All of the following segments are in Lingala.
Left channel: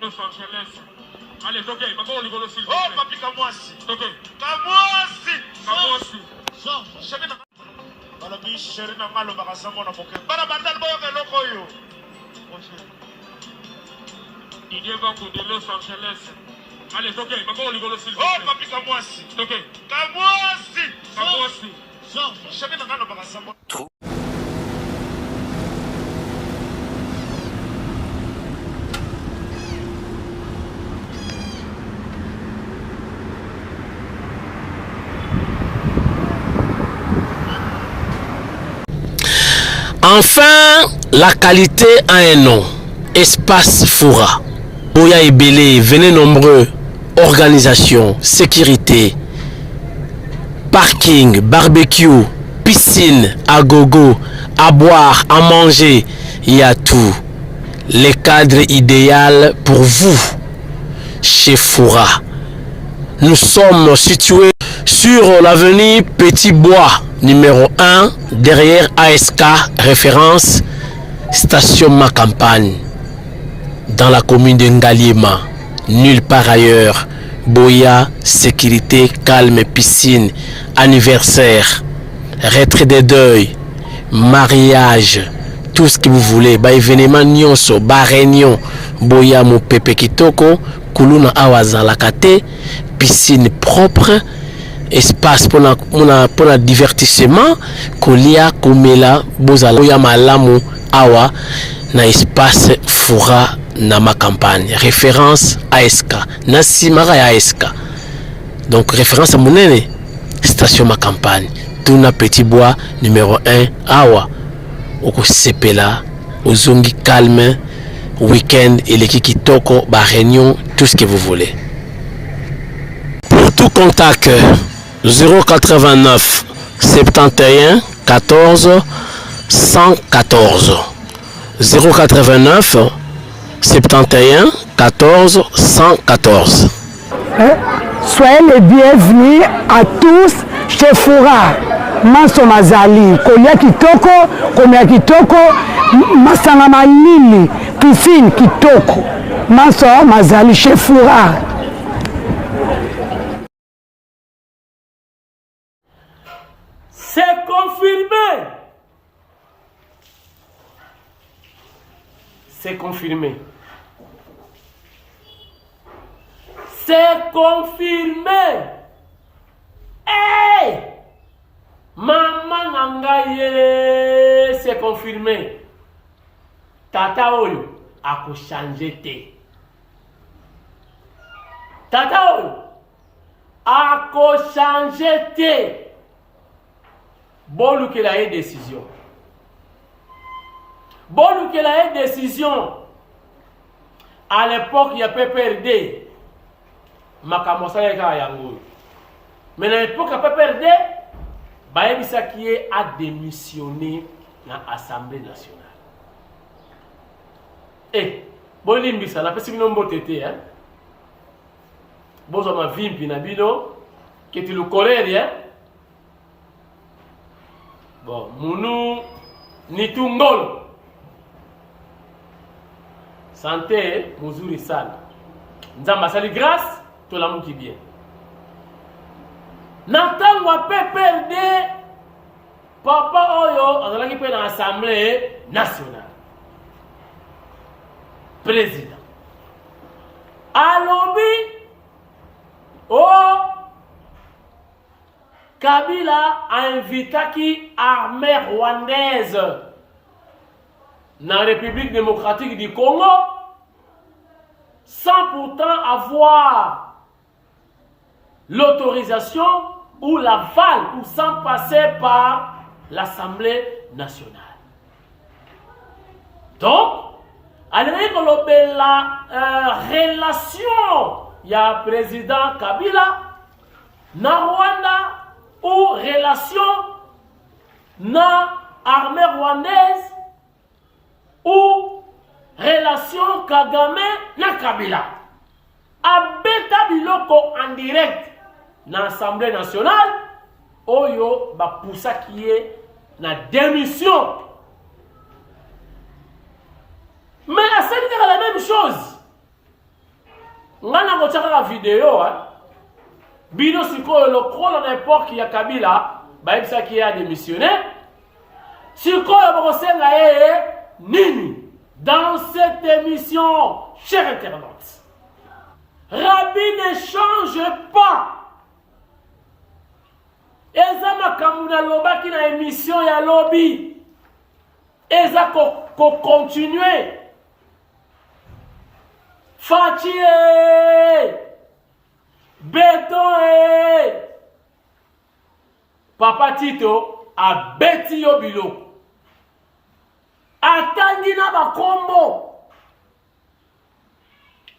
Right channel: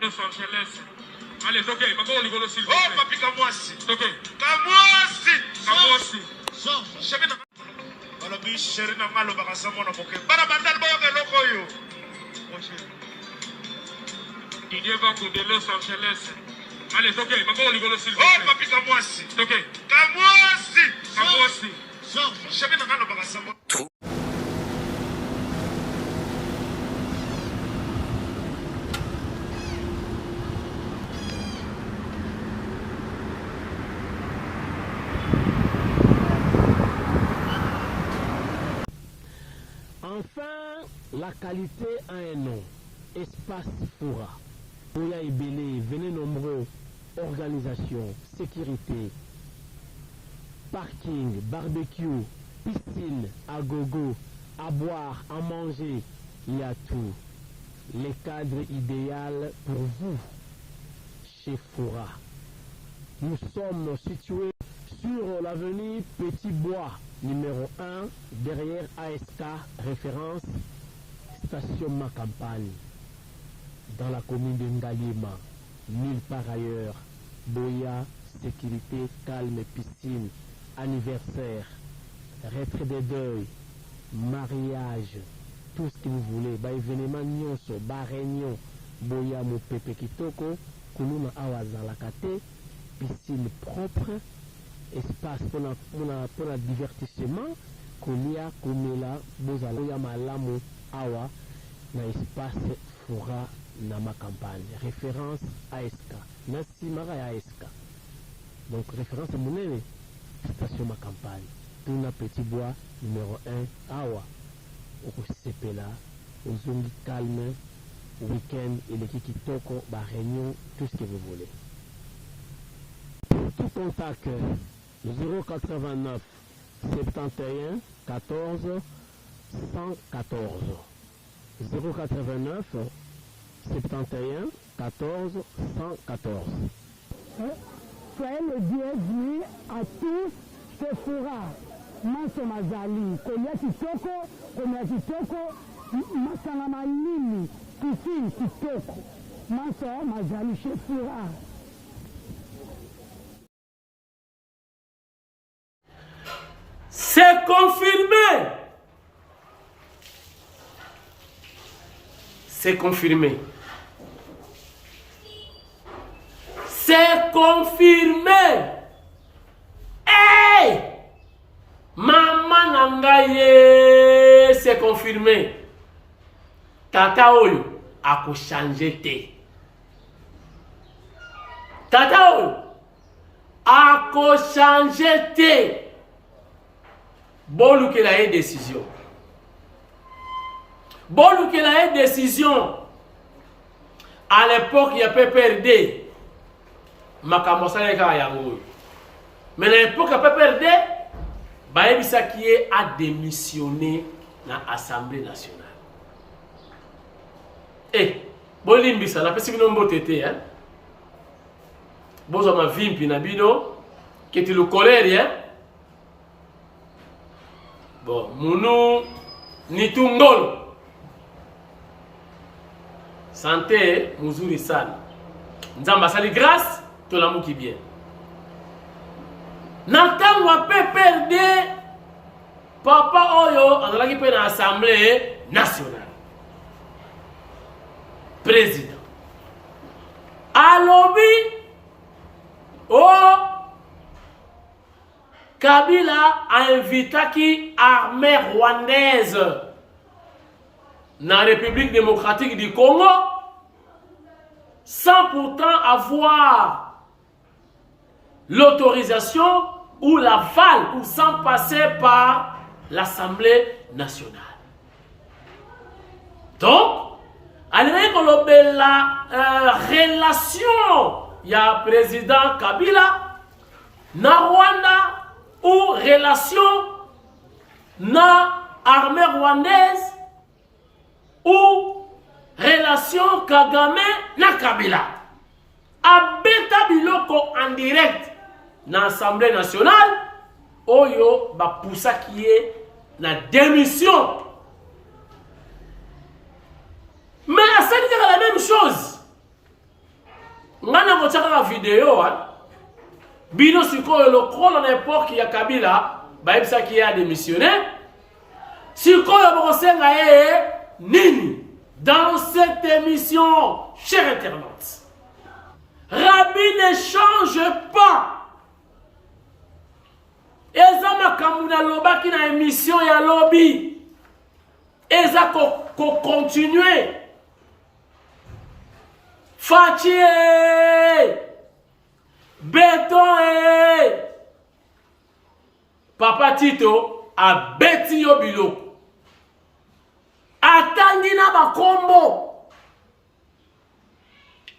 Los Angeles. Allez, toquez, maintenant on s'il vous plaît. Oh, papi, Kamwasi. Toquez. Kamwasi. Kamwasi. Chéri na balobi chéri na nga alobaka sa mwana moke. Bana bandali bayoka eloko oyo. Didier Banco de Los Angeles. Allez, toquez, maintenant on s'il vous plaît. Oh, papi, Kamwasi. Toquez. Kamwasi. Kamwasi. Chéri na nga alobaka sa mwana. Enfin, la qualité a un nom. Espace Foura. Boya et Belé, venez nombreux. Organisation, sécurité, parking, barbecue, piscine, à gogo, à boire, à manger. Il y a tout. Les cadres idéaux pour vous. Chez Foura. Nous sommes situés sur l'avenue Petit Bois, numéro 1, derrière ASK, référence, station Ma Campagne, dans la commune de Ngaliema, nulle part ailleurs. Boya, sécurité, calme, piscine, anniversaire, retrait des deuils, mariage, tout ce que vous voulez. Ba événement nyonso, ba réunion, Boya mo pepe kitoko, kuluna awaza lakate, piscine propre, espace pour la divertissement, kolia, komela, bozala, boya malamu, awa, na espace Foura na Ma Campagne. Référence ASK. Nasimara ya ASK. Donc référence à Mounene. Station Ma Campagne. Tuna Petit Bois, numéro 1, awa. Oko sepela, ozongi calme, week-end, eleki kitoko, ba réunion, tout ce que vous voulez. Pour tout contact, 089 71 14 114 089 71 14 114. Soyez les bienvenus à tous chez Foura. Manso Mazali, Kolia Kitoko, Komia Kitoko, Masanga Malili, Piscine Kitoko. Manso Mazali chez Foura. C'est confirmé. C'est confirmé. C'est confirmé. Hey! Maman Nangaye, c'est confirmé. Tata Oyo a changé té. Tata Oyo a changé té. Bon, qu'il a une décision. Bon, qu'il a une décision. À l'époque, il y a PPRD. Makamosa Yango. Mais à l'époque, il y a PPRD. Baïbisa qui a démissionné dans l'Assemblée nationale. Eh, Bolimbisa, la personne non botété, hein. Bozo ma vimpi na bino, qui est le colère, hein. Bon, Mounou Nitungol. Santé, Muzuri San. Nzamba sali grâce, tout l'amour qui vient. N'entend wa PPRD, Papa Oyo, on a qui peut dans l'Assemblée nationale. Président. Alobi, oh, Kabila a invité qui armée rwandaise dans la République démocratique du Congo sans pourtant avoir l'autorisation ou l'aval ou sans passer par l'Assemblée nationale. Donc, avec la relation, il y a président Kabila na Rwanda ou relation na armée rwandaise ou relation Kagame na Kabila. Abeta biloko en direct na Assemblée nationale, oyo ba poussa qui est na démission. Mais à ça dire la même chose. ngana kochaka la vidéo bino sikoyo lokola na époque ya Kabila baebisa ki a démissionné sikoyo bokosenga nini dans cette émission chers internautes. Rabbi ne change pas. Eza makamuna lobaki na émission ya lobby. Eza ko continuer. Fachi Béton Papa Tito a beti yo biloko. Atangi na bakombo.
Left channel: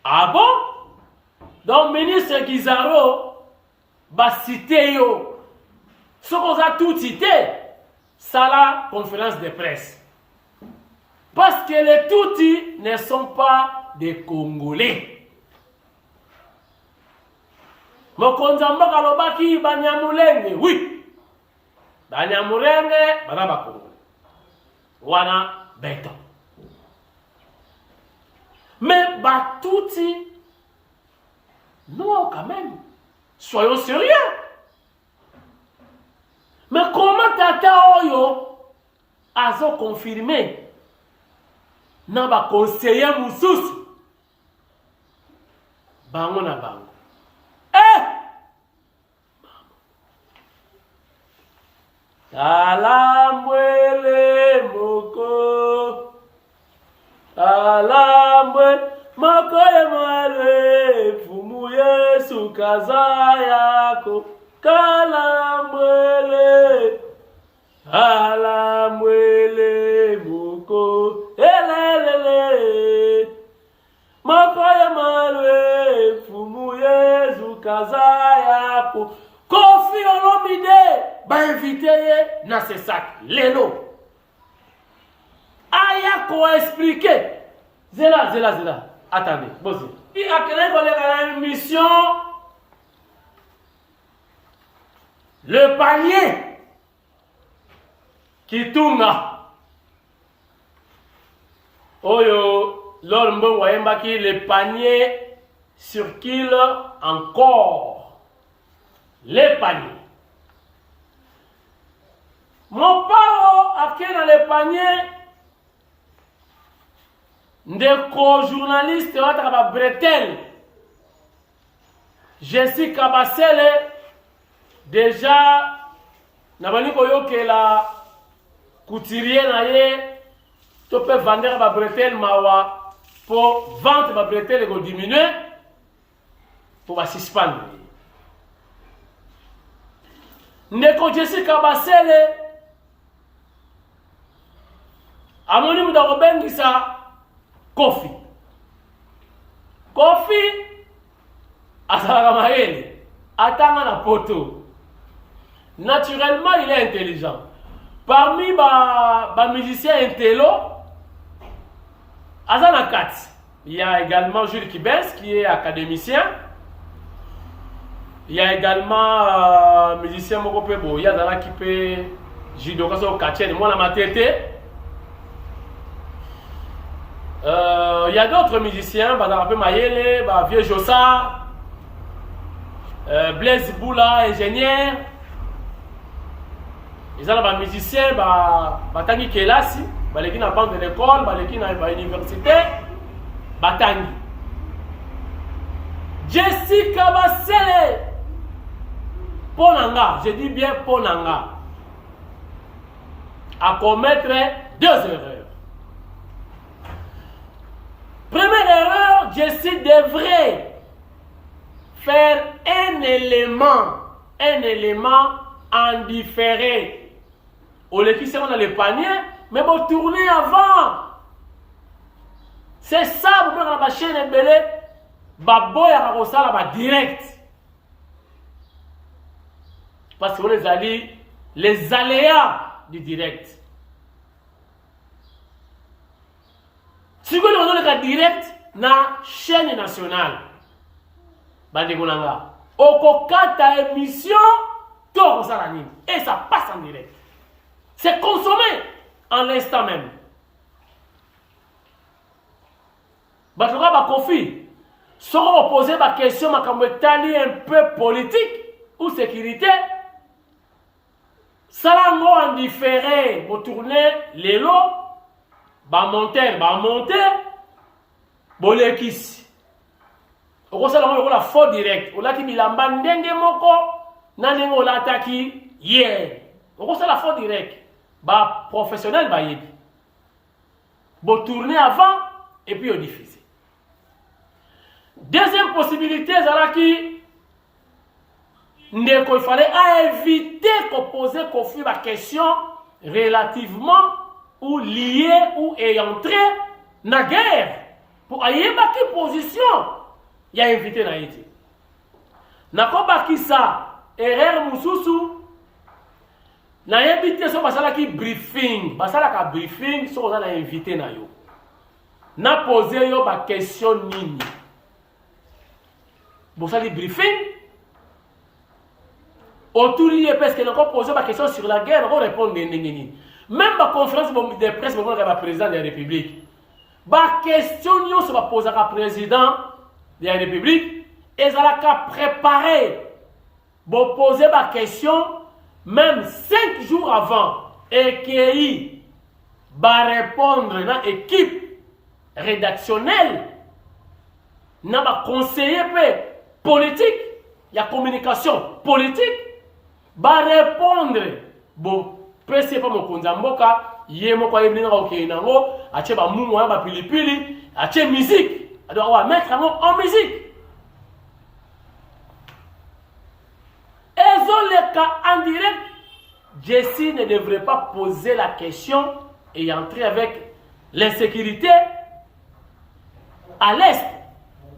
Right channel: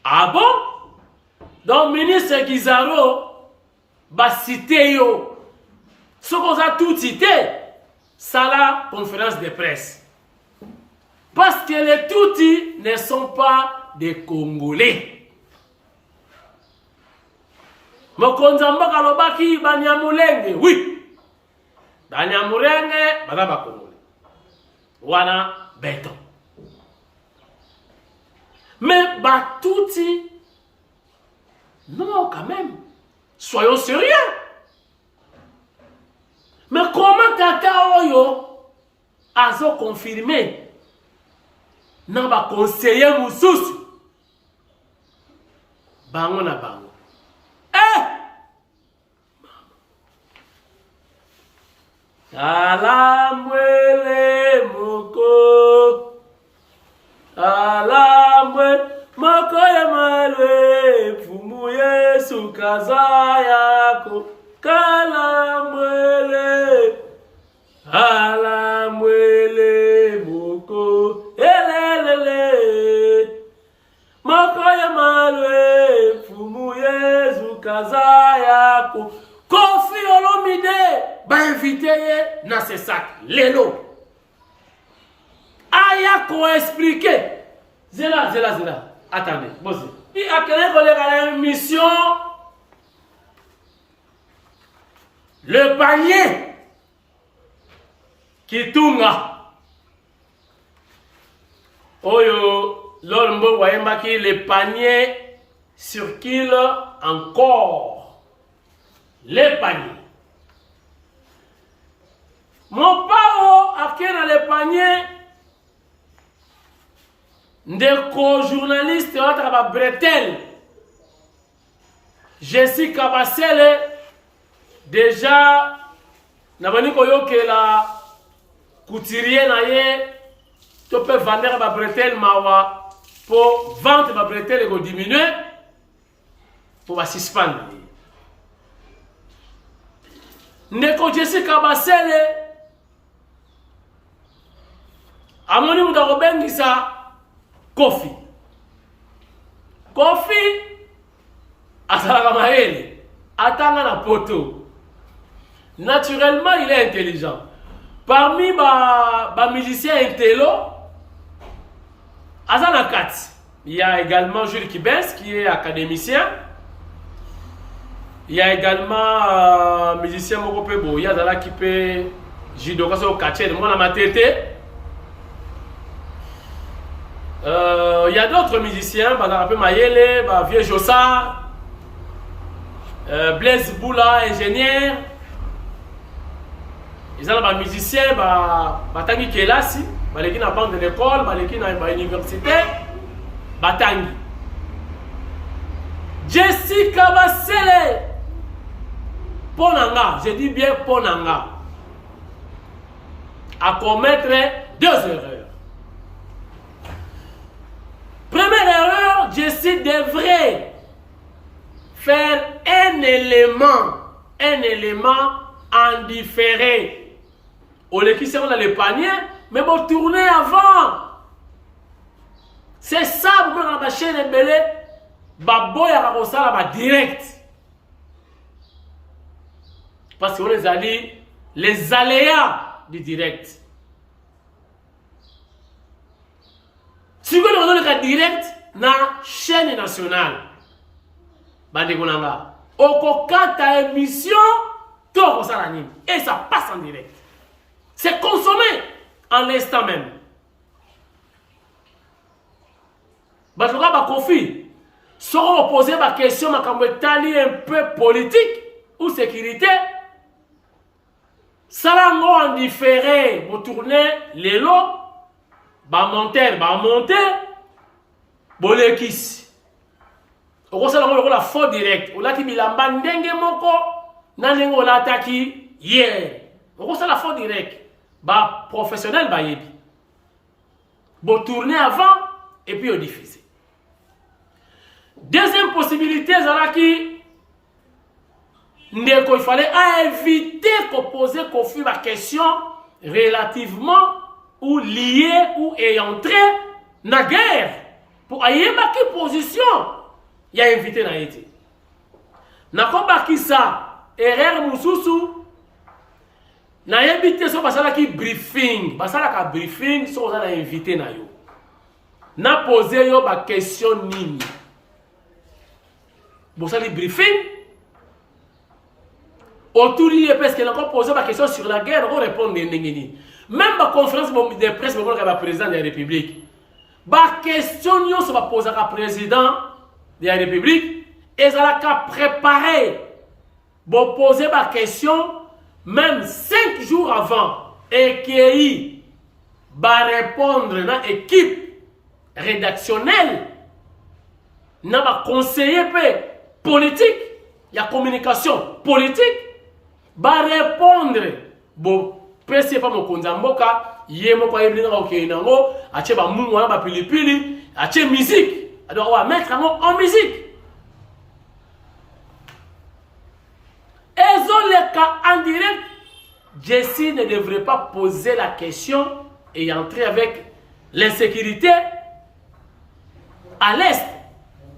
Ah bon? Donc ministre Guizaro ba cité yo. Ce qu'on a tout cité, ça la conférence de presse. Parce que les Tutsis ne sont pas des Congolais. Mokonzamba kalobaki Banyamulenge, oui. Banyamulenge, ba Congolais. Wana béton. Mais Batouti, non, quand même. Soyons sérieux. Mais comment Tata Oyo a confirmé n'a pas conseiller Moussous bango na bango. Alambwele moko alambwe moko ya malwe fumu Yesu kaza yako kalambwele alambwele moko elelele moko ya malwe fumu Yesu kaza yako. Kofi Olomide ba invité na ce sac lelo aya ko expliquer zela attendez bozo il a créé une émission le panier Kitunga oyo lormbo wayemba ki le panier circule encore. Les paniers. Mon paro a qui dans les paniers des co-journalistes à Bretel. Jessica Bassele déjà n'a pas dit que la couturier na ye tu peux vendre à Bretel mawa pour vendre à Bretel et diminuer pour suspendre. Ndeko Jessica Basele amoni mudakobengisa Kofi asalaka mayele atanga na poto. Naturellement il est intelligent. Parmi ba musiciens intello Azana Kat, il y a également Jules Kibens qui est académicien. Il y a également musicien Mokopebo, il y a Zala qui peut judo au catcher, moi ma tête. Il y a d'autres musiciens, Badarape Mayele, Vieux Jossard, Blaise Boula, ingénieur. Ils sont des musiciens, Batangi Kelasi, Baleki na banque de l'école, Baleki na université, Batangi. Jessica Basele. Ponanga, je dis bien Ponanga, à commettre deux erreurs. Première erreur, Jessie devrait faire un élément en différé. Au lieu qui dans le panier, mais bon tourner avant. C'est ça, vous voyez la chaîne est belée, baboya kakosala ba direct. Parce que vous les allez, les aléas du direct. Si vous avez le cas direct, na chaîne nationale, Bandegonanga, Okokata émission, et ça passe en direct. C'est consommé en l'instant même. Batoka Bakofi, Sans poser ma question, ma camboetali un peu politique ou sécurité. Salango en différé, vous tournez les lots, monter, bolekis. Au salango la faute direct. Au laki milamba ndenge moko, nanengo la taki hier. Au la faute direct. Professionnel yebi. Vous tournez avant et puis vous diffusez. Deuxième possibilité, Zalaki, il fallait éviter de poser la question relativement ou liée ou ayant trait dans la guerre. Pour aller dans quelle position il y a invité dans été. Nakoba qui ça, erreur mususu, na invité so basala ki briefing, basala ka briefing so on a invité na yo. Na poser yo ba question nini. Bosali briefing. Autour de parce qu'il a encore posé ma question sur la guerre, on répond même la conférence de presse, on va président de la République. La question se va poser à président de la République et ça va préparer pour poser ma question même 5 jours avant et qu'il va répondre dans l'équipe rédactionnelle, dans le conseiller politique, il y a communication politique. Va répondre bon presse pas mon konzamboka yemo kwa iblinga okenango ache ba mungu na ba pilipili ache musique alors on va mettre en musique et les cas en direct Jessie ne devrait pas poser la question et entrer avec l'insécurité à l'est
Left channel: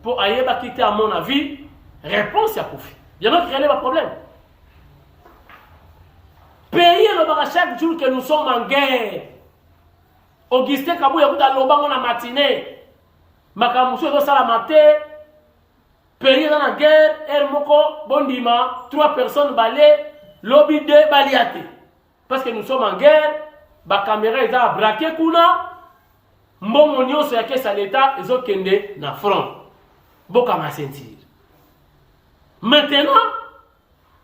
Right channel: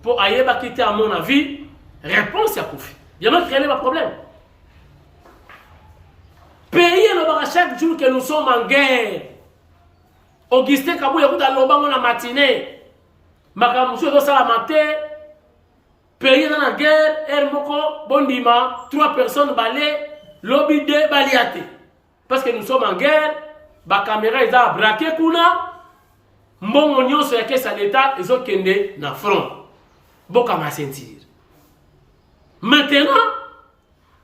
pour ayeba quitter à mon avis réponse à Kofi il y a même créé un problème. Pays chaque jour que nous sommes en guerre. Augustin Kabou yakuta lobango na matinée. Makamusu ezo sala maté. Pays dans la guerre, Hermoko, Bondima, 3 personnes balé, lobby 2 baliate. Parce que nous sommes en guerre, ba caméra eza braqué kuna. Mbongo nyonso ya kesa l'état ezo kende na front. Boka ma sentir. Maintenant,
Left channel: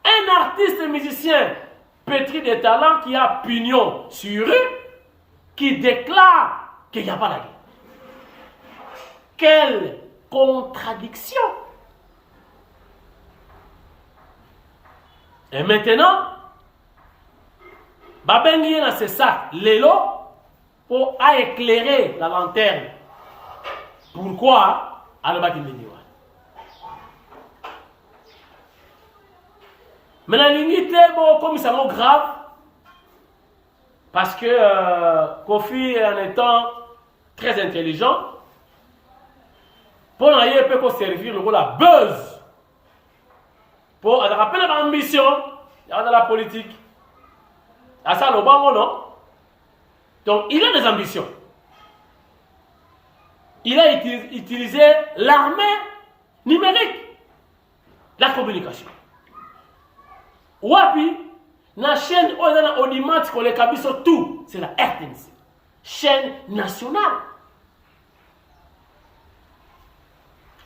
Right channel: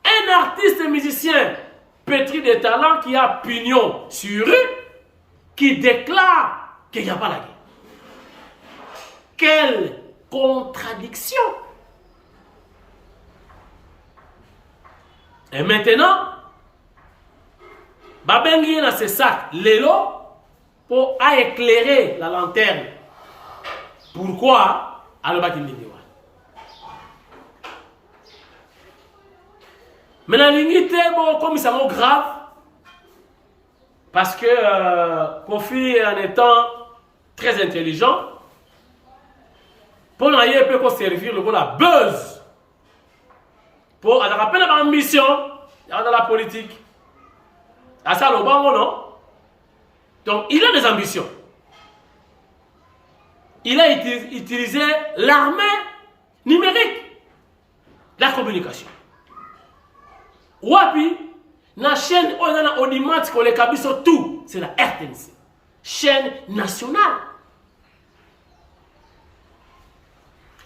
un artiste musicien pétri de talent qui a pignon sur eux, qui déclare qu'il n'y a pas la guerre. Quelle contradiction! Et maintenant, Babengi dans ce sac, l'élo, pour éclairer la lanterne. Pourquoi? Alors, maintenant, l'unité, bon, comme ça m'a grave, parce que Kofi, en étant très intelligent, pour nous peut servir le rôle à buzz. Pour rappeler notre ambition dans la politique. À ça, le bango, non? Donc, il a des ambitions. Il a utilisé l'armée numérique, la communication. Wapi, la chaîne Audimat, tout, c'est la RTNC, chaîne nationale.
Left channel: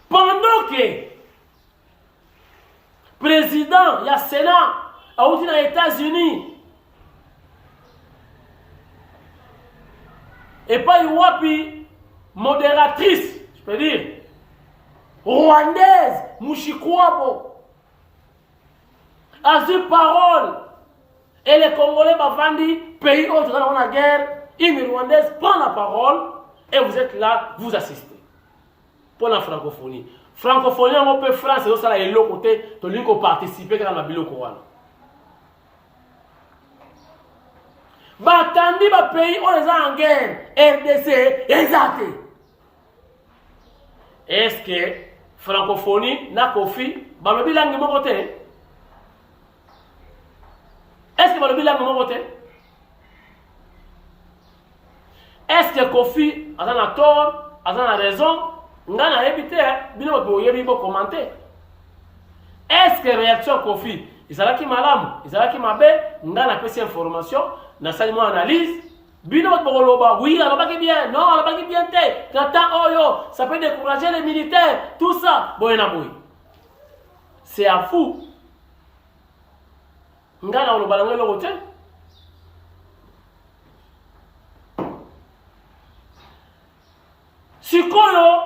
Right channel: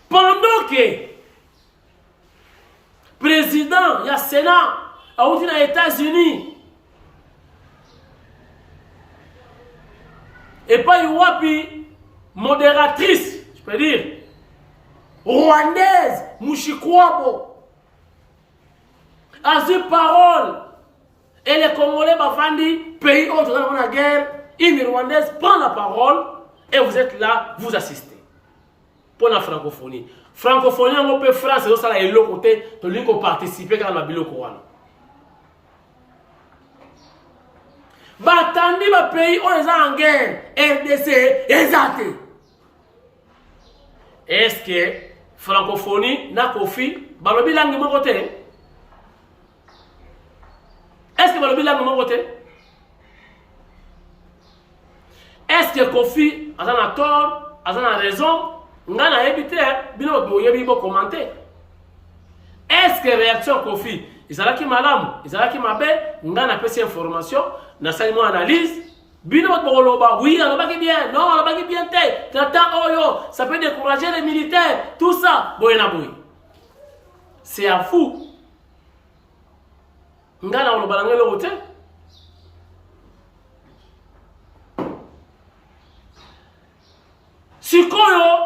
Pendant que président, il y a Sénat, aux États-Unis, et pas Wapi, modératrice, je peux dire, rwandaise, Mouchikwabo, a eu parole. Et les Congolais bavandi, pays où dans la guerre, une Rwandaise prend la parole et vous êtes là, vous assistez. Pour la francophonie. Francophonie, on peut France, c'est ça, et l'autre côté, de lui qui participe dans la bilo Corona. Batandi, ba pays où ils sont en guerre, RDC, exact. Est-ce que francophonie n'a Kofi, balobi langue mon côté? Est-ce que vous avez mon côté? Est-ce que Kofi a tort, a raison? On a évité, bien commenter. Est-ce que réaction Kofi, ils sont là qui malam, ils sont là qui m'appellent, on a fait ces informations, on a fait une analyse, Bino Boloba, oui, alors pas bien, non, alors pas bien, ça peut décourager les militaires, tout ça. C'est à vous. Ngana oloba na ngelo hotel. Sikoyo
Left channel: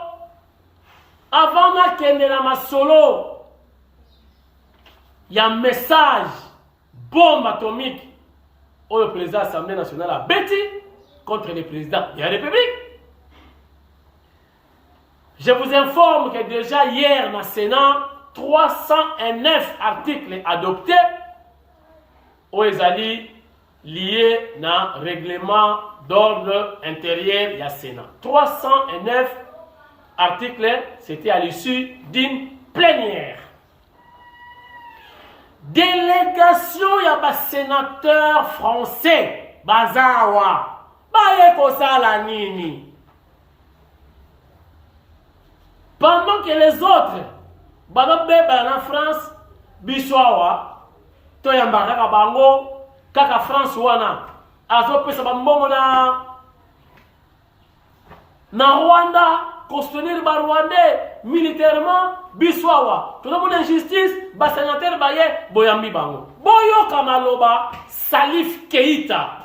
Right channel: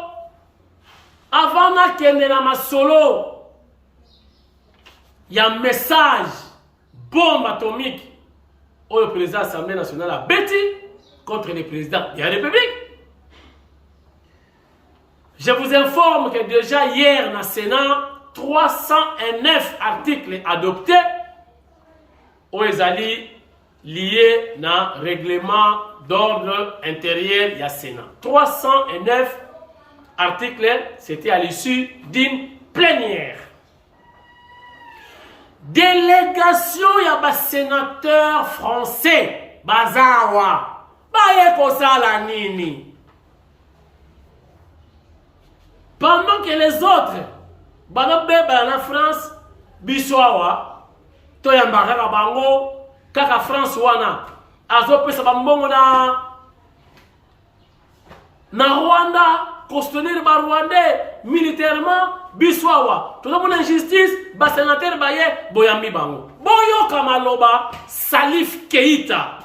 avant na kende na masolo. Il y a un message bombe atomique au président de l'Assemblée nationale à Betty contre les présidents de la République. Je vous informe que déjà hier dans le Sénat, 309 articles adoptés aux alliés liés au règlement d'ordre intérieur du Sénat. 309 articles, c'était à l'issue d'une plénière. Délégation ya ba sénateur français bazawa baye kosala nini pendant que les autres baba en France biswawa to ya mbaka bango kaka France wana azopesa bambongo na Rwanda costumer ba Rwandais militairement biswawa tout le monde injustice ba sénateur baye boyambi bango boyo kamaloba Salif Keita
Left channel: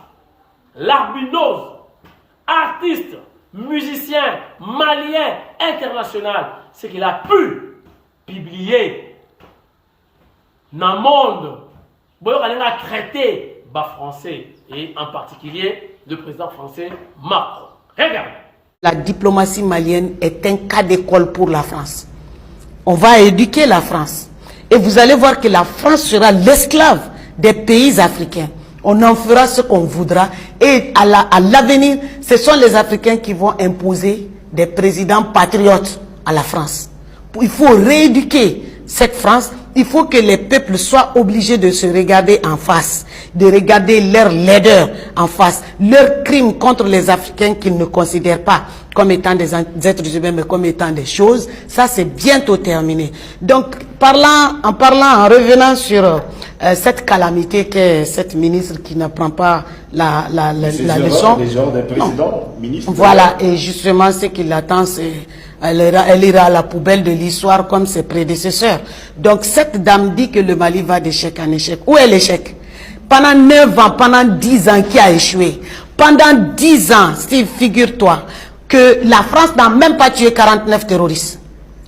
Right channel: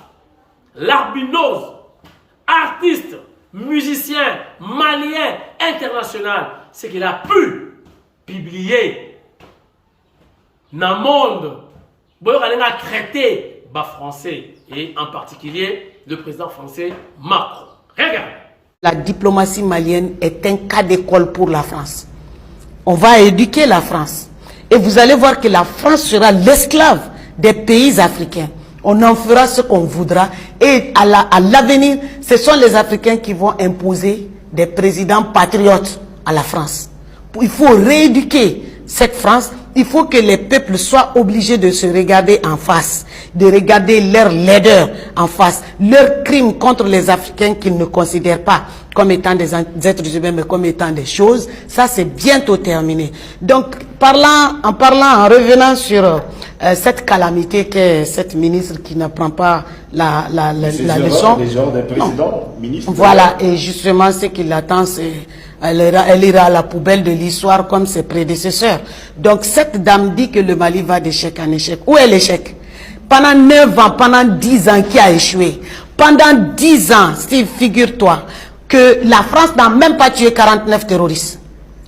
l'albinos artiste musicien malien international ce qu'il a pu publier dans le monde boyo kanenga traité ba français et en particulier le président français Macron. Regardez. La diplomatie malienne est un cas d'école pour la France. On va éduquer la France. Et vous allez voir que la France sera l'esclave des pays africains. On en fera ce qu'on voudra. Et à l'avenir, ce sont les Africains qui vont imposer des présidents patriotes à la France. Il faut rééduquer cette France. Il faut que les peuples soient obligés de se regarder en face, de regarder leurs laideurs en face, leurs crimes contre les Africains qu'ils ne considèrent pas comme étant des êtres humains, mais comme étant des choses. Ça, c'est bientôt terminé. Donc, en revenant sur cette calamité qu'est cette ministre qui ne prend pas la leçon. Les genres des présidents, ministres. Voilà, et justement, ce qui l'attend, c'est... Elle ira à la poubelle de l'histoire comme ses prédécesseurs. Donc cette dame dit que le Mali va d'échec en échec. Où est l'échec? Pendant 9 ans, pendant 10 ans qui a échoué. Pendant 10 ans, Steve, figure-toi que la France n'a même pas tué 49 terroristes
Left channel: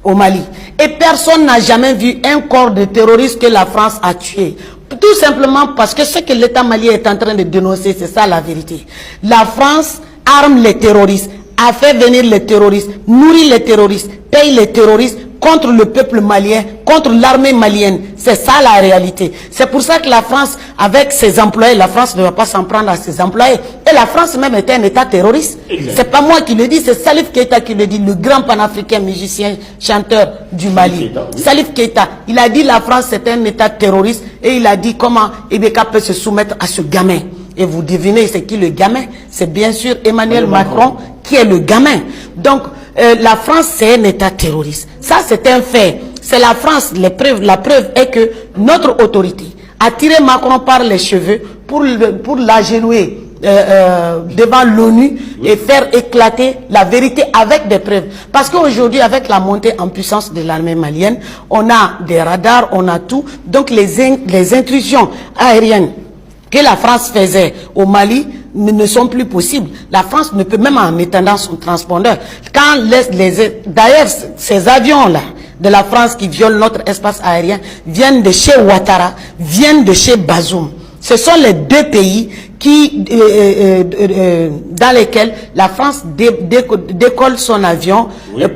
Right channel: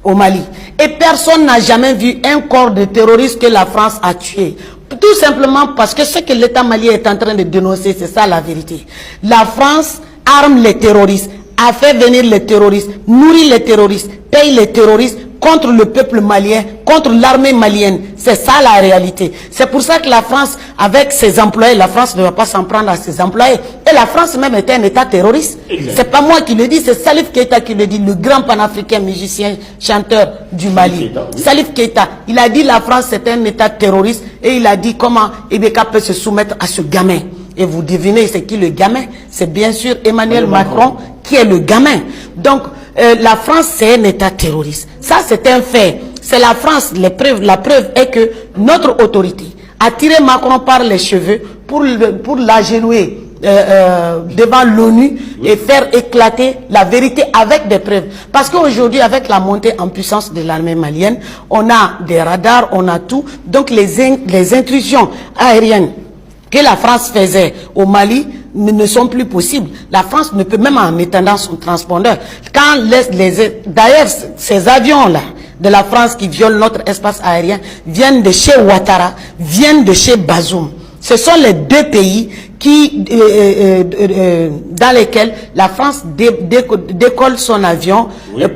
au Mali. Et personne n'a jamais vu un corps de terroristes que la France a tué. Tout simplement parce que ce que l'État malien est en train de dénoncer, c'est ça la vérité. La France arme les terroristes, a fait venir les terroristes, nourrit les terroristes, paye les terroristes contre le peuple malien, contre l'armée malienne. C'est ça la réalité. C'est pour ça que la France, avec ses employés, la France ne va pas s'en prendre à ses employés. Et la France même était un État terroriste. C'est pas moi qui le dis, c'est Salif Keita qui le dit, le grand panafricain musicien, chanteur du Mali. Salif Keita, il a dit la France c'est un État terroriste et il a dit comment Ibeka peut se soumettre à ce gamin. Et vous devinez c'est qui le gamin? C'est bien sûr Emmanuel Macron qui est le gamin. Donc la France c'est un État terroriste. Ça c'est un fait. C'est la France. La preuve est que notre autorité a tiré Macron par les cheveux pour l'agenouiller devant l'ONU et faire éclater la vérité avec des preuves. Parce qu'aujourd'hui, avec la montée en puissance de l'armée malienne, on a des radars, on a tout. Donc les intrusions aériennes que la France faisait au Mali ne sont plus possibles. La France ne peut même en étendant son transpondeur. Quand d'ailleurs, ces avions-là de la France qui violent notre espace aérien viennent de chez Ouattara, viennent de chez Bazoum. Ce sont les deux pays dans lesquels la France décolle son avion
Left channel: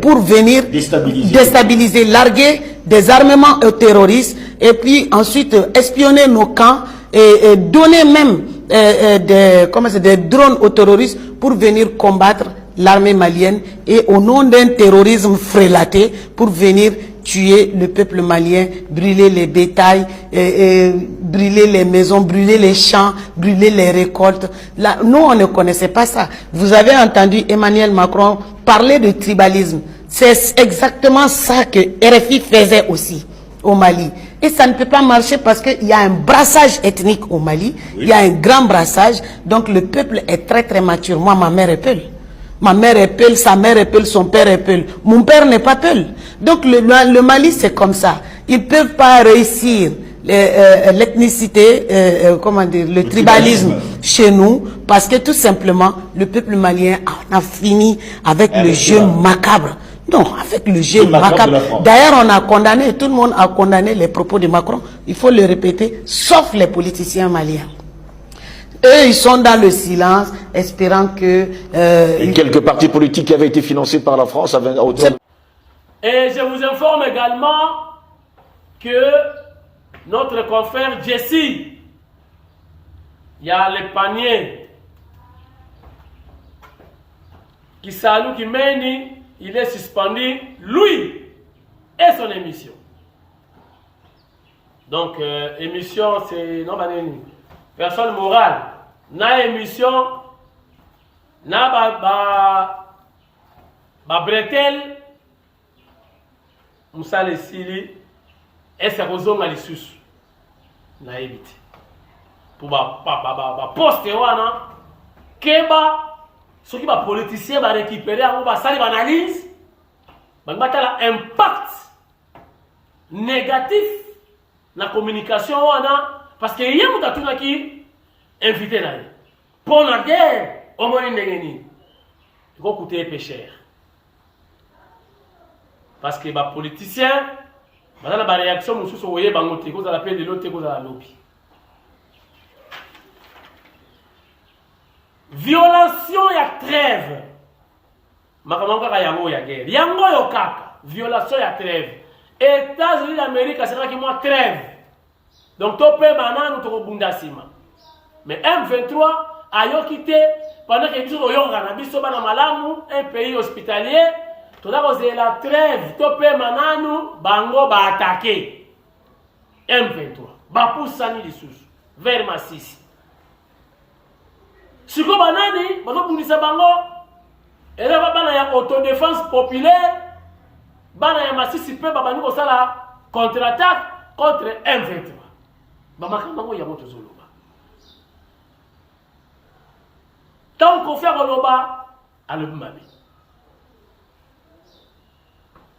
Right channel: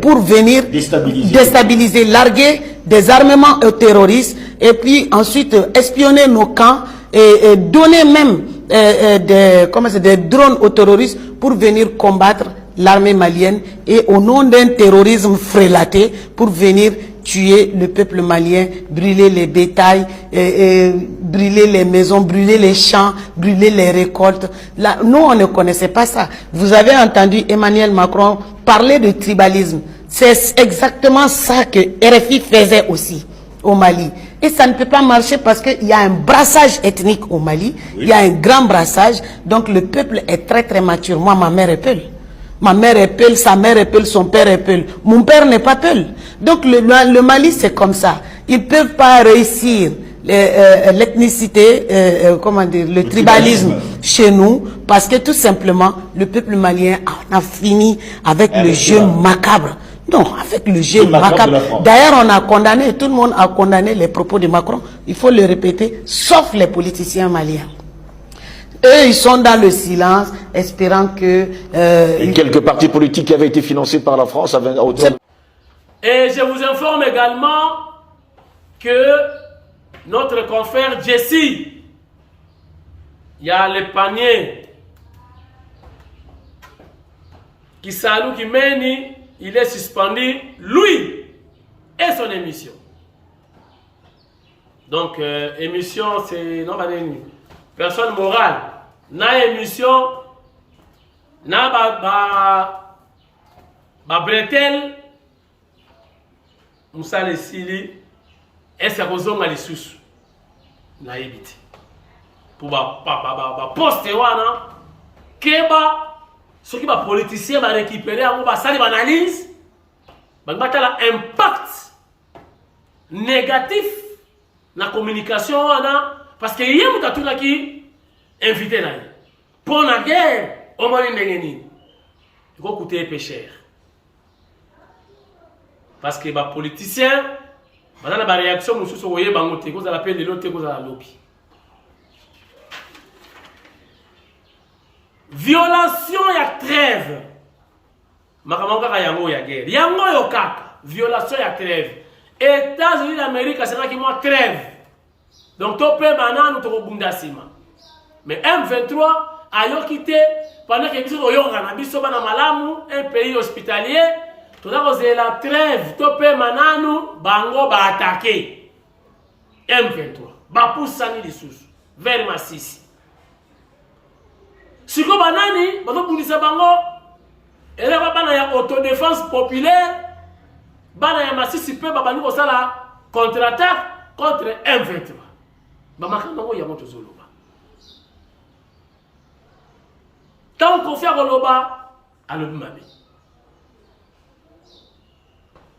pour venir déstabiliser, larguer des armements terroristes et puis ensuite espionner nos camps et donner même des drones aux terroristes pour venir combattre l'armée malienne et au nom d'un terrorisme frélaté pour venir tuer le peuple malien, brûler les bétails, brûler les maisons, brûler les champs, brûler les récoltes. Là, nous, on ne connaissait pas ça. Vous avez entendu Emmanuel Macron parler de tribalisme. C'est exactement ça que RFI faisait aussi au Mali. Et ça ne peut pas marcher parce qu'il y a un brassage ethnique au Mali, il y a un grand brassage, donc le peuple est très très mature. Moi, ma mère est Peul. Ma mère est Peul, sa mère est Peul, son père est Peul. Mon père n'est pas Peul. Donc le Mali, c'est comme ça. Ils ne peuvent pas réussir l'ethnicité, comment dire, le tribalisme chez nous, parce que tout simplement, le peuple malien en a fini avec le jeu macabre. Non, avec le jeu macabre. D'ailleurs, on a condamné, tout le monde a condamné les propos de Macron. Il faut le répéter, sauf les politiciens maliens. Eux, ils sont dans le silence, espérant que... Et quelques partis politiques qui avaient été financés par la France à hauteur... Et je vous informe également que notre confrère Jesse, il y a le panier qui salue, qui mène, il est suspendu, lui et son émission. Donc, émission, c'est... Non, personne morale. Na émission, na bretel, Moussa le Sili, et c'est Rozonga les sous. Na évité. Pour poster wana, keba, ceux qui va politiciens va récupérer, va sali analyse, va impact négatif la communication wana, parce que y a muta tuna qui invité là. Pour la guerre, au moins il faut coûter peu cher. Parce que les politiciens, dans la réaction, nous sommes voyés bangoté, cause à la peine de l'autre, cause à la lobby. Violation ya trêve. Makamanga yango ya guerre. Yango yo kaka. Violation ya trêve. États-Unis d'Amérique, c'est là qui moi trêve. Donc topé banane to bunda sima. Mais M23 a yo quitté pendant que biso yonga na biso bana malamu un pays hospitalier. Toda cause la trêve topé mananu bango ba attaquer. M23 ba poussani lisusu vers Masisi. Siko banani bato bundisa bango ele ba bana ya autodéfense populaire bana ya Masisi pe babani ko sala contre-attaque contre M23. Bamakambango ya moto zoloba. Tant qu'on fait Goloba, à l'obmabi.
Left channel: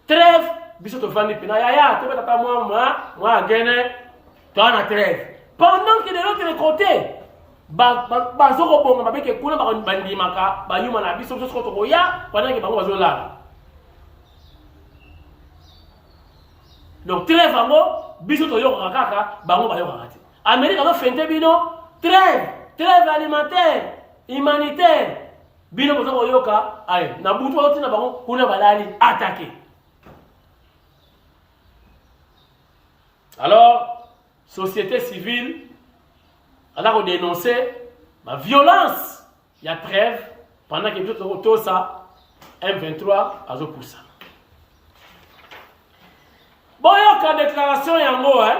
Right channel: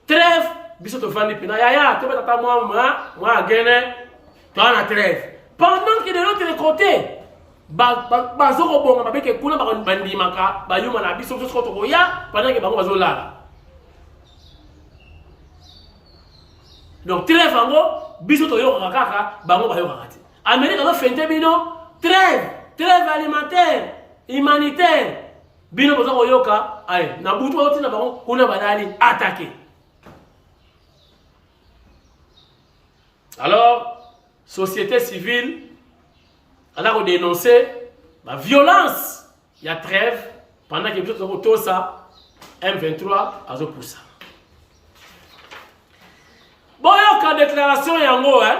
Trêve, biso to fani pina ya to beta moi gene to ana trêve. Pendant que de l'autre côté, bazoko bonga babeke kuna ba bandimaka, ba yuma na biso so to ya pendant que bango bazolala. Donc trêve ango biso to yoka kaka bango ba yoka kati. Amérique do fente bino trêve alimentaire, humanitaire. Bino bozo yoka ay na butu oti na bango kuna balali attaquer. Alors société civile elle a dénoncé la violence, il y a trêve pendant que tout ça M23 a poussé. Bon, il y a une déclaration yango hein.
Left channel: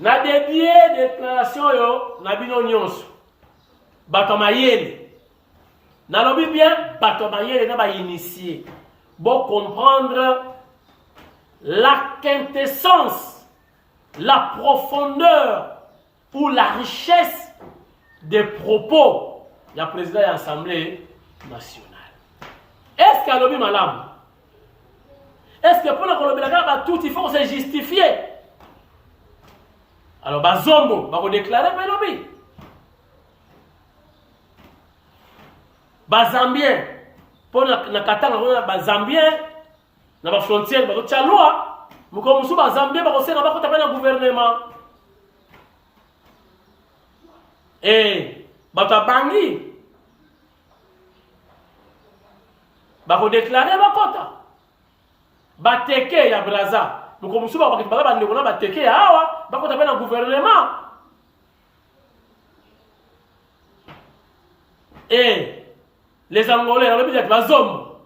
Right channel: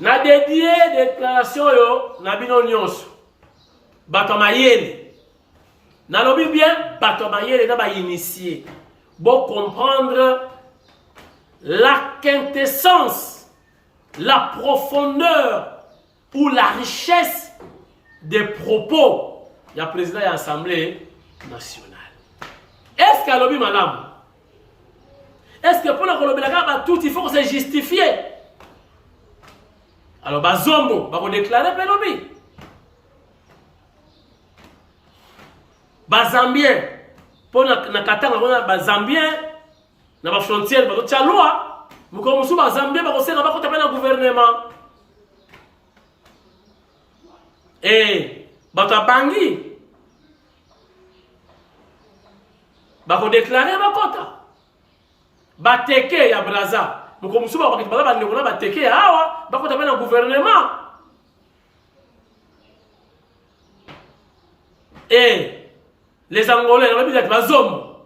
Na dédié déclaration yo na bino nyonso. Bato mayele. Na lobi bien bato mayele na ba initié. Bon comprendre la quintessence, la profondeur ou la richesse des propos du président de l'Assemblée nationale. Est-ce qu'à lobi madame? Est-ce que pour la Colombie, tout il faut se justifier? Alors, Bazombo, va déclarer Pelobi. Bazambien, pour la Katanga, Bazambien, dans la frontière, dans la loi, nous commençons Bazambien, nous commençons à gouvernement. Et, Bangui, va déclarer Bakota. Bateke ya Braza. Nous commençons à parler bateke ya awa, bako tapena gouvernement. Et les Angolais, dans le budget, bazombo.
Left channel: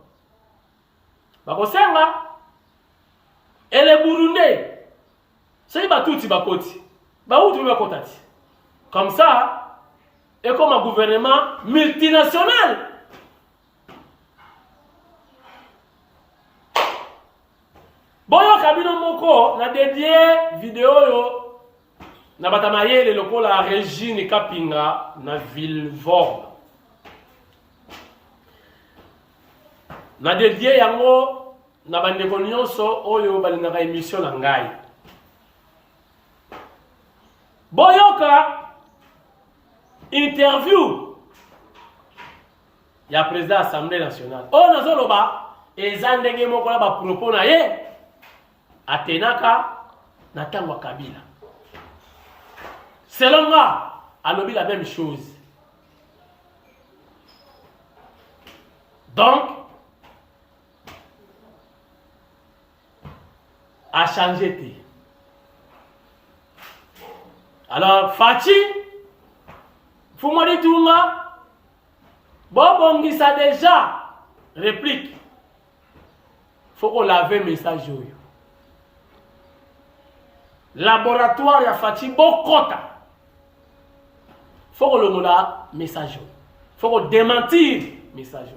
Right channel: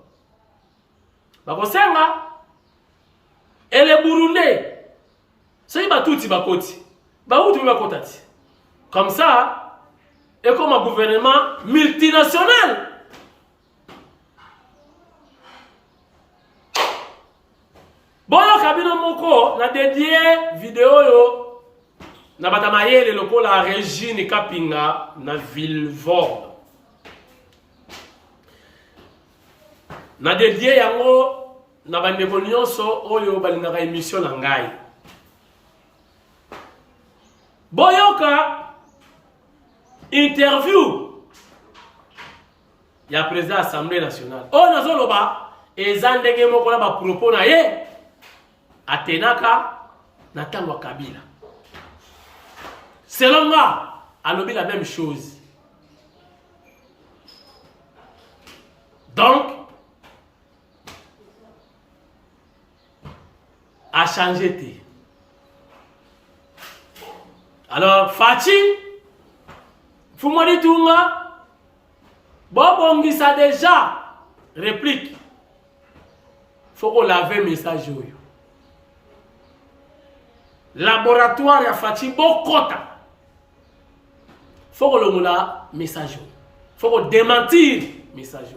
Bako senga. Et les Burundais. C'est batouti bakoti. Baouti bakotati. Comme ça, et comme un gouvernement multinational. Boyo kabino moko na dédié vidéo yo na batamayele lokola Régine Kapinga na Villevorde. Na dédié yango na bandeko nyonso oyo balingaka émission na ngai. Boyoka interview ya président Assemblée nationale. O nazoloba ezandenge moko na ba propos na ye atenaka na tango Kabila. Selon moi, alobi la même chose. Donc a changé. Alors, Fachi, Fumari Tunga, Bobongi ça déjà, réplique. Faut qu'on lave le message. Laboratoire ya Fachi, Bokota. Faut qu'on le message. Faut qu'on démentir le message.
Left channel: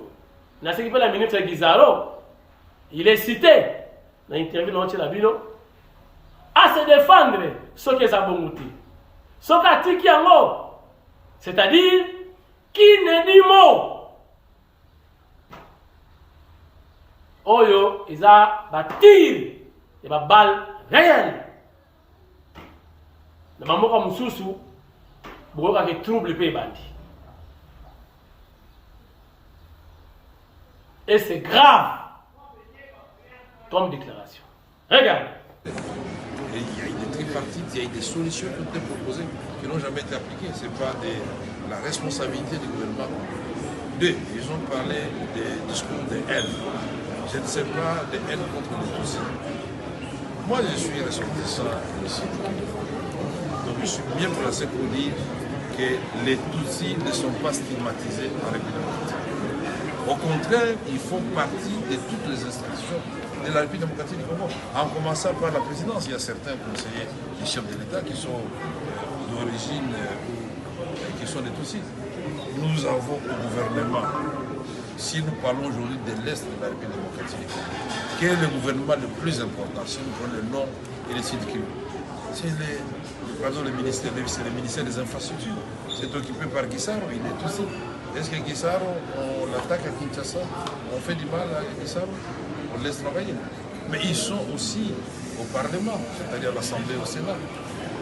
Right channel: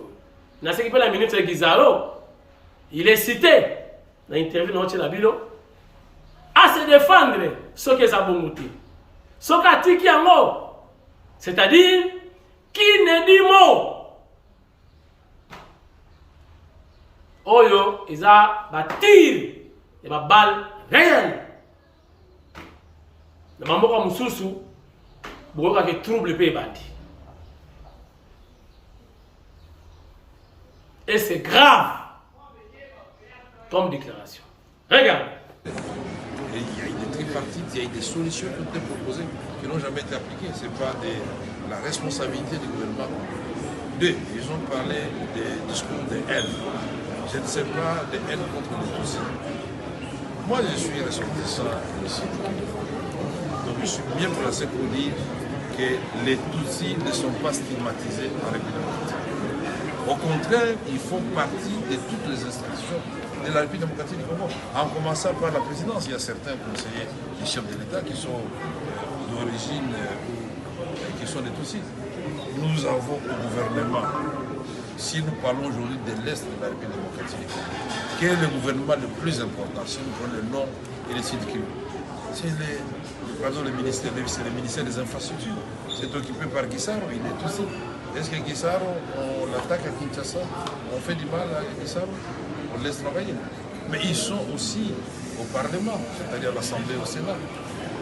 Dans ce qui fait la ministre Guizaro, il est cité dans l'interview de Labino à se défendre ce que ça bon goûter. Ce qui tiki yango, c'est-à-dire qui ne dit mot. Oyo, ils a tir et ba balle réelle. Le maman comme Soussou, beaucoup de troubles pe bandi. Et c'est grave comme déclaration. Regardez. Et il y a eu des tripartites, il y a eu des solutions qui ont été proposées qui n'ont jamais été appliquées. Ce n'est pas la responsabilité du gouvernement. Deux, ils ont parlé des discours de haine. Je ne sais pas de haine contre les Tutsis. Moi, je suis ressortissant ici. Donc, je suis bien placé pour dire que les Tutsis ne sont pas stigmatisés en République démocratique. Au contraire, ils font partie de toutes les institutions de la République démocratique du Congo, en commençant par la présidence. Il y a certains conseillers du chef de l'État qui sont d'origine, qui sont des Tutsis. Nous avons au gouvernement, si nous parlons aujourd'hui de l'Est de la République démocratique, quel est le gouvernement le plus important, si nous prenons le nom et le site qui c'est le ministère des Infrastructures. C'est occupé par Guissaro, il est Tutsi. Est-ce que Guissaro, on l'attaque à Kinshasa, on fait du mal à Guissaro? On laisse travailler. Mais ils sont aussi au Parlement, c'est-à-dire à l'Assemblée, au Sénat.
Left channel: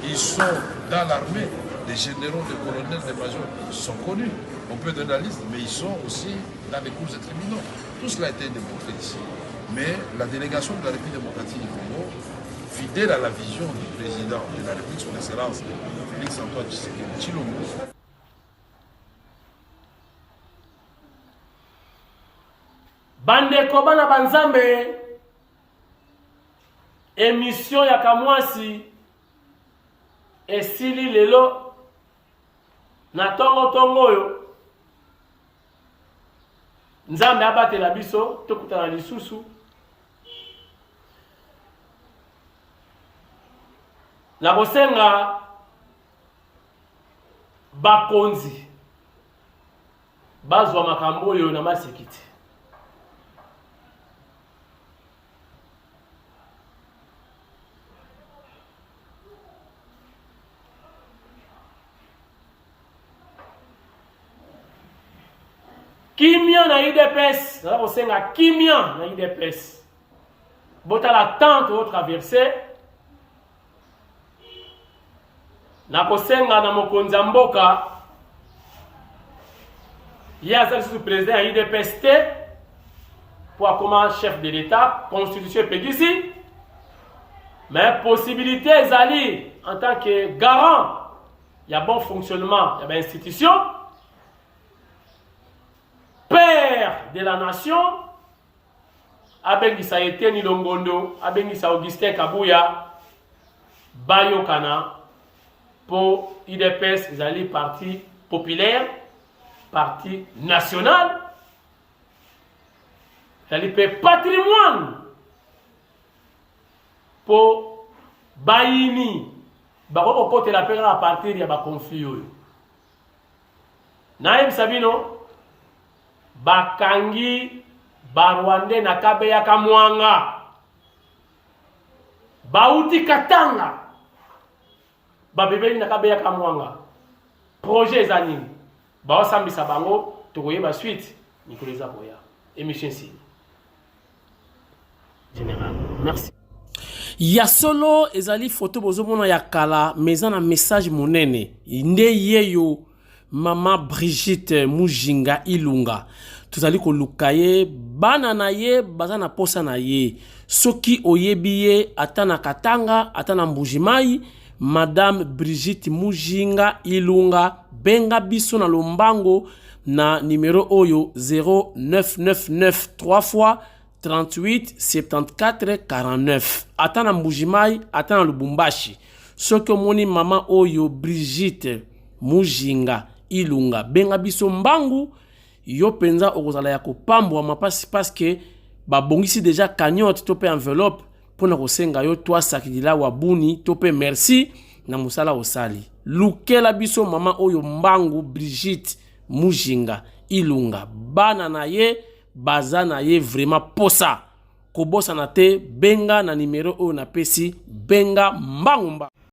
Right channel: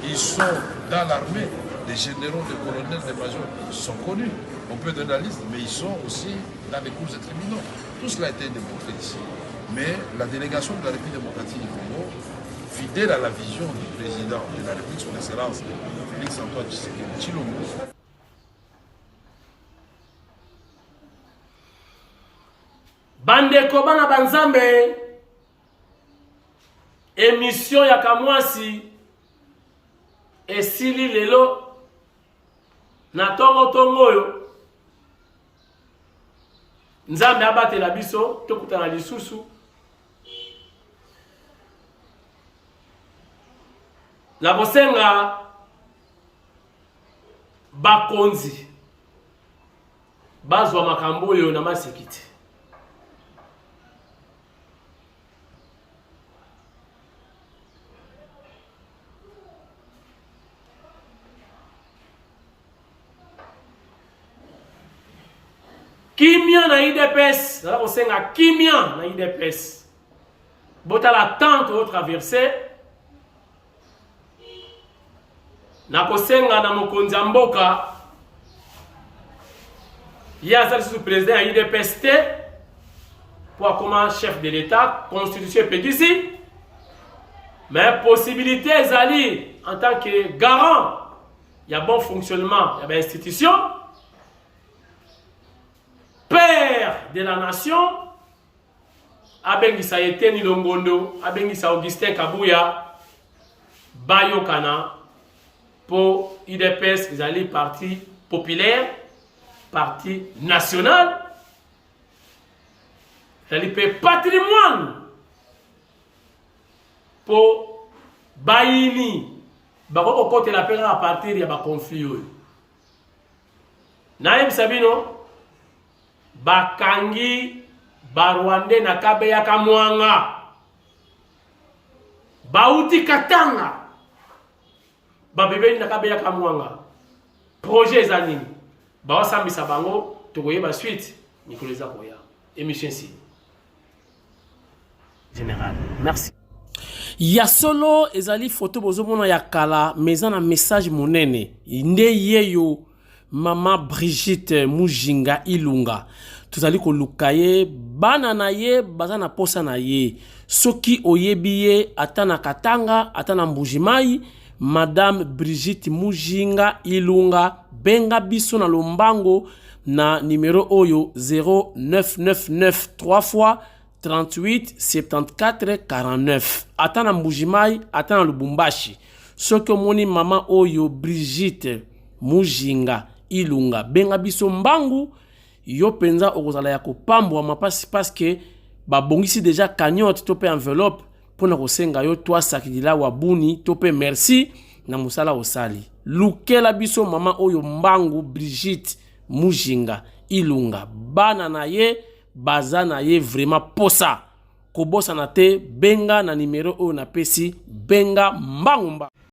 Ils sont dans l'armée, des généraux, des colonels, des majors. Ils sont connus. On peut donner la liste, mais ils sont aussi dans les cours des tribunaux. Tout cela a été démontré ici. Mais la délégation de la République démocratique du Congo, fidèle à la vision du président de la République, son Excellence, Félix Antoine Tshisekedi Tshilombo, Bandeko bana banzambe, émission ya kamwasi esili lelo na tongo yo nzambe abatela biso tokutana lisusu na kosenga bakonzi bazwa makambo oyo na masekiti. Kimia na IDPS, on senga kimia na IDPS. Bota la tente au traversé. Na kosenga na mokonzi mboka. Yaza sous président IDPS pour comme chef de l'État, constitution ici. Mais possibilité ezali en tant que garant, il y a bon fonctionnement, il y a une institution. Père de la nation, Abengisa Eteni Longondo, Abengisa Augustin Kabuya, Bayokana, pour IDPS, ils allaient parti populaire, parti national, ils allaient patrimoine, pour Bayini, Bako côté la paix à partir de conflit. Naïm Sabino, Bakangi Barwande na Kabeya Kamwanga bauti Katanga babebeli na kabeya kamwanga projet eza nini baosambisa bango tokoyeba suite mikolo eza koya émission si général merci ya solo ezali photo bozomona ya kala meza na message monene nde yeyo mama Brigitte Mujinga Ilunga tozali koluka ye bana na ye baza na posa na ye soki oyebi ye ata na Katanga ata na Mbujimai Madame Brigitte Mujinga Ilunga benga biso na lombango na numéro oyo 0999 3 fois 38 74 49 ata na Mbujimai ata na Lubumbashi soki omoni mama oyo Brigitte Mujinga Ilunga benga biso mbangu yo penza okozala ya kopambwa mapasi paske babongisi déjà cagnotte to pe enveloppe pona kosenga yo toi sakidila wabuni to pe merci na musala osali lukela biso mama oyo mbangu Brigitte Mujinga Ilunga bana na ye baza na ye vraiment posa kobosa na te benga na numéro oyo na pesi benga mbangu mbangu